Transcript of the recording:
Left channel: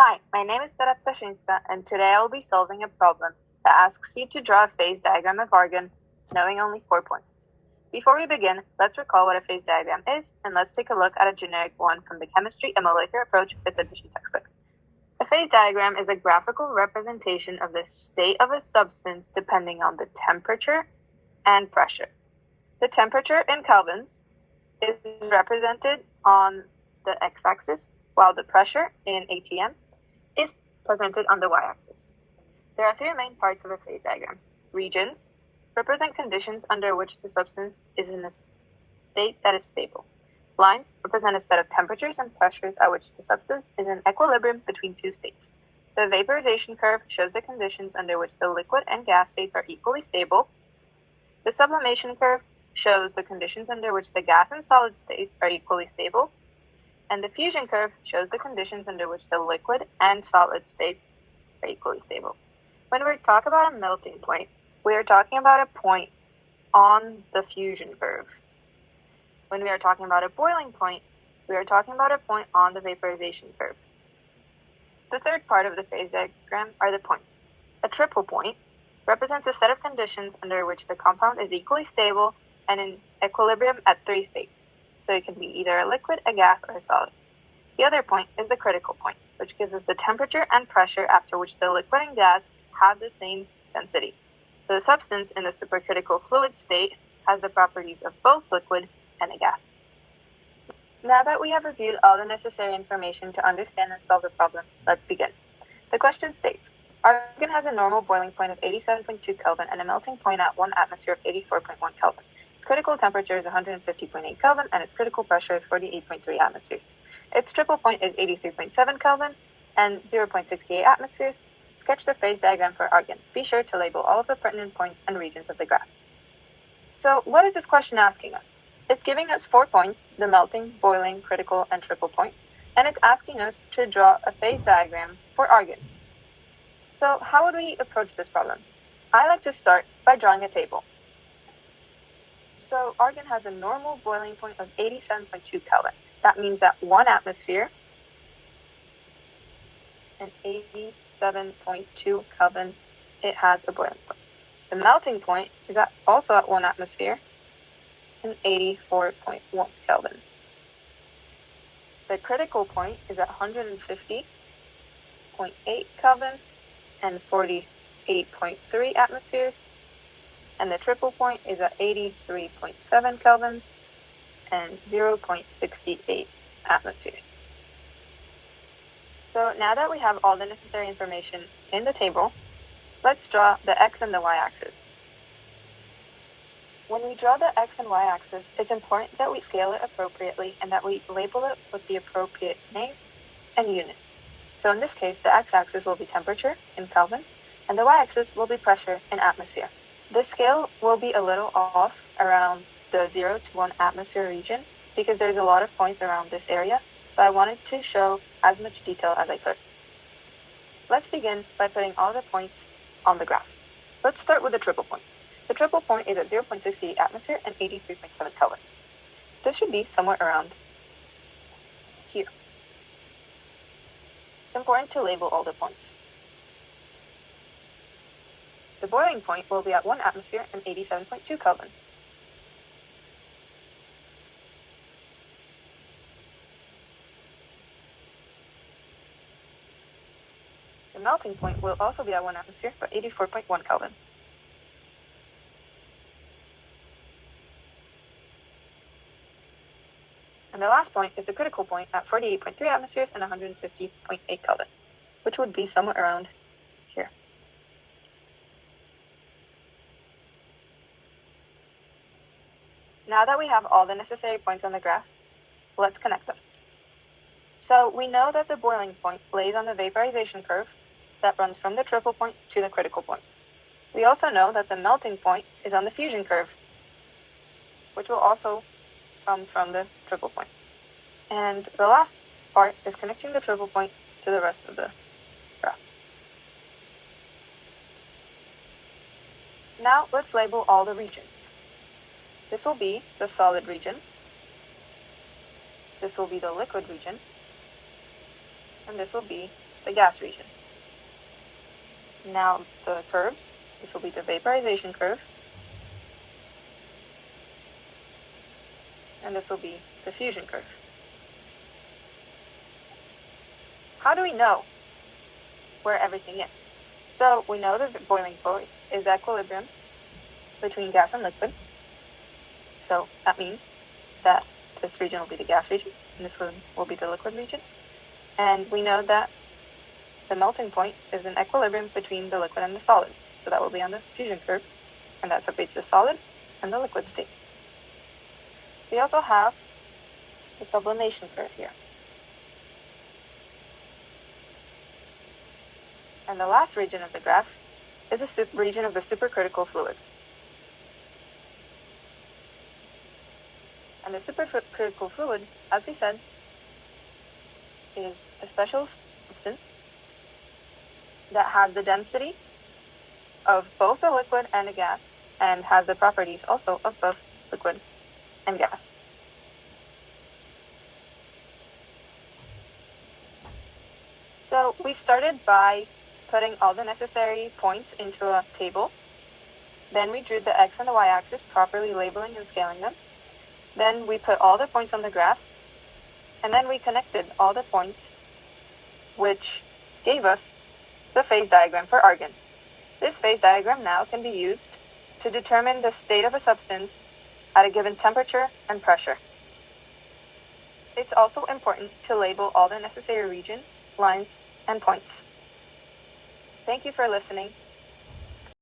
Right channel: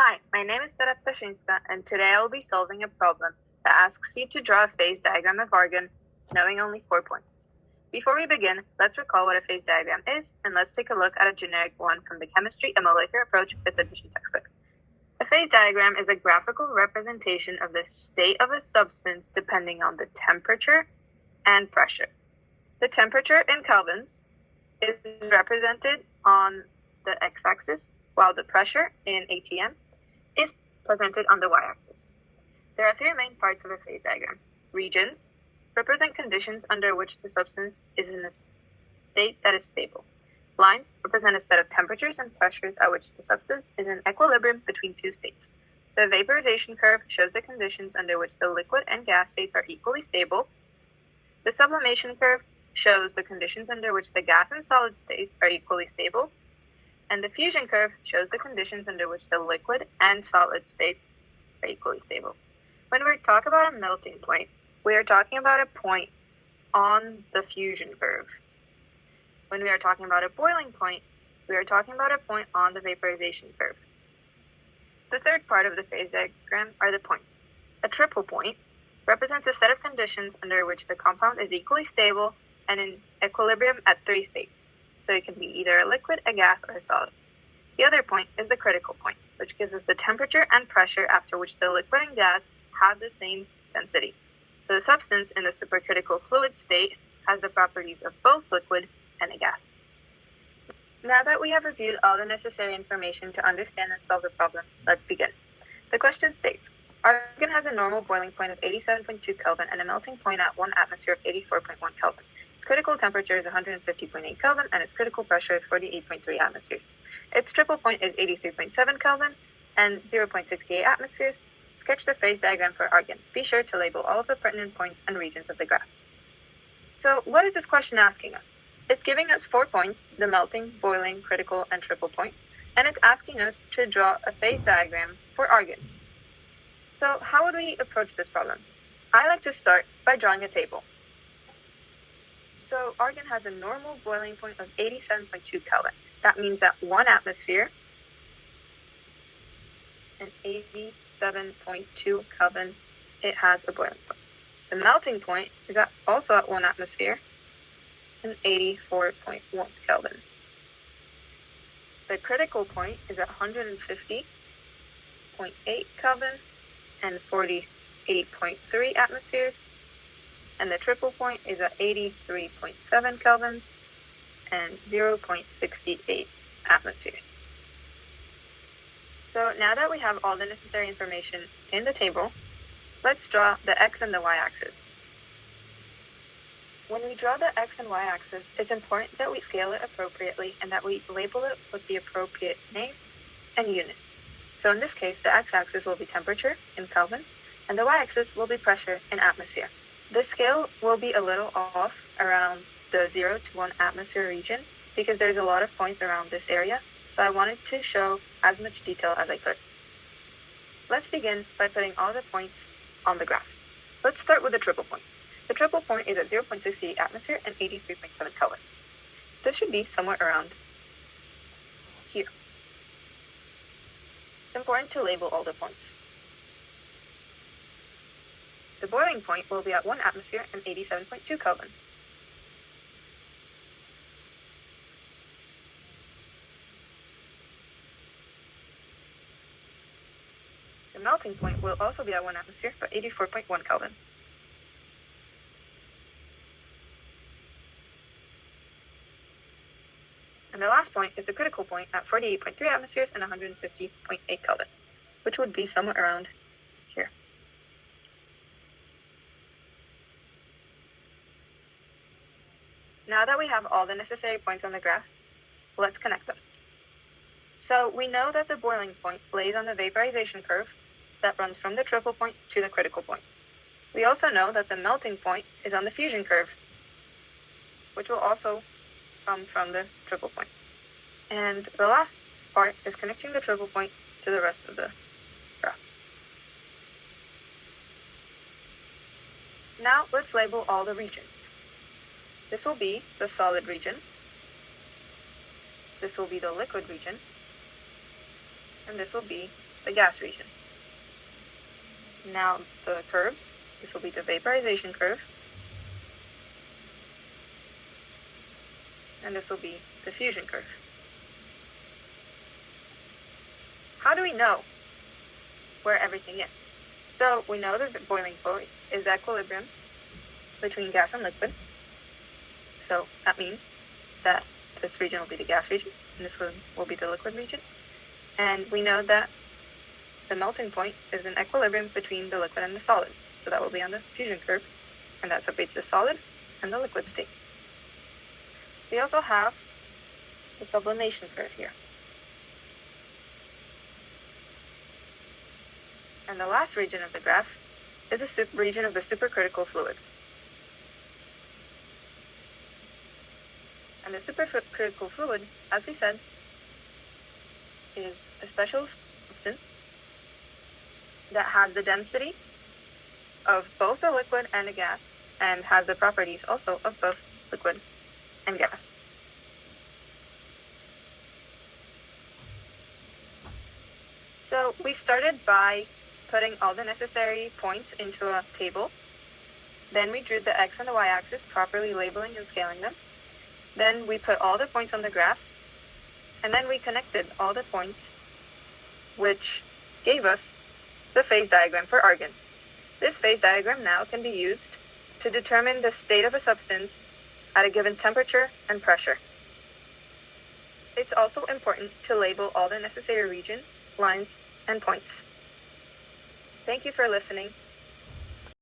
Hi, my name is Sara Ptaszynska, and today I will be solving a problem that asks you to draw a phase diagram of argon, knowing only 4 points. Before we begin, let's recall what a phase diagram is, and let's take a look at a generic one from the Chemistry and Molecular Approach 5th edition textbook. A phase diagram is a graphical representation of the state of a substance depending on the temperature and pressure. The temperature in kelvins is represented on the x-axis, while the pressure in atm is presented on the y-axis. There are three main parts of a phase diagram. Regions represent conditions under which the substance is in a state that is stable. Lines represent a set of temperatures and pressures at which the substance is in equilibrium between two states. The vaporization curve shows the conditions under which the liquid and gas states are equally stable. The sublimation curve shows the conditions under which the gas and solid states are equally stable. And the fusion curve shows the conditions under which the liquid and solid states are equally stable. When we talk about a melting point, we are talking about a point on the fusion curve. When we are talking about a boiling point, we are talking about a point on the vaporization curve. The third part of the phase diagram are the points. A triple point represents a set of conditions under which the compound is equally stable and in equilibrium at three states. So it can be either a liquid, a gas, or a solid. The other point is the critical point, which gives us the temperature and pressure after which the liquid and gas have the same density. So the substance in the supercritical fluid state has the properties of both liquid and a gas. Now that we have reviewed all the necessary information to understand and solve the problem, let's begin. The question states, argon has a normal boiling point of 87.2 Kelvin and a melting point at 1 atmosphere of 84.1 Kelvin. Its critical temperature is 150.8 Kelvin and its critical pressure is 48.3 atmospheres. Its triple point is 83.7 Kelvin and 0.68 atmospheres. Sketch the phase diagram for argon. Be sure to label all of the pertinent points and regions of the graph. So what is this question asking us? It's giving us 4 points, the melting, boiling, critical, and triple point, and it's asking us to draw a phase diagram for argon. So how would we approach this problem? I like to start by drawing a table. So argon has a normal boiling point of 87.2 Kelvin. That means that 1 atmosphere and 87.2 Kelvin, it has a boiling point. The melting point is also at 1 atmosphere and 84.1 Kelvin. The critical point is at 150.8 Kelvin and 48.3 atmospheres. And the triple point is at 83.7 kelvins and 0.68 atmospheres. So now that we have all the necessary information in the table, let's draw the x and the y-axis. When we draw the x and y-axis, it's important that we scale it appropriately and that we label it with the appropriate name and unit. So in this case, the x-axis will be temperature in Kelvin, and the y-axis will be pressure in atmosphere. The scale will be a little off around the 0 to 1 atmosphere region because there's a lot of points around this area, so I wanted to show as much detail as I could. Let's begin by putting all the points on the graph. Let's start with the triple point. The triple point is at 0.68 atmosphere and 83.7 Kelvin. This should be somewhere around here. It's important to label all the points. The boiling point will be at 1 atmosphere and 87.2 Kelvin. The melting point will also be at 1 atmosphere, but 84.1 Kelvin. And the last point is the critical point at 48.3 atmospheres and 150.8 Kelvin, which would be somewhere around here. Now that we have all the necessary points on the graph, let's connect them. So we know that the boiling point lays on the vaporization curve that runs from the triple point to the critical point. We also know that the melting point is on the fusion curve, which will also come from the triple point. And the last part is connecting the triple point to the rest of the graph. Now let's label all the regions. This will be the solid region. This will be the liquid region. And this will be the gas region. Now the curves, this will be the vaporization curve, and this will be the fusion curve. How do we know where everything is? So we know that the boiling point is the equilibrium between gas and liquid. So that means that this region will be the gas region, and this one will be the liquid region. And we know that the melting point is an equilibrium between the liquid and the solid. So that will be on the fusion curve, and that separates the solid and the liquid state. We also have the sublimation curve here. And the last region of the graph is the region of the supercritical fluid. And the supercritical fluid, as we said, is a special substance that has the density of both a liquid and a gas, and has the properties also of both liquid and gas. So we started by putting all the necessary points into a table. Then we drew the x and the y-axis, properly labeling and scaling them. Then we put all the points on the graph, and then we connected all the points, which gave us the phase diagram for argon. This phase diagram now can be used to determine the state of a substance at a given temperature and pressure. It's also important to label all the necessary regions, lines, and points. Thank you for listening.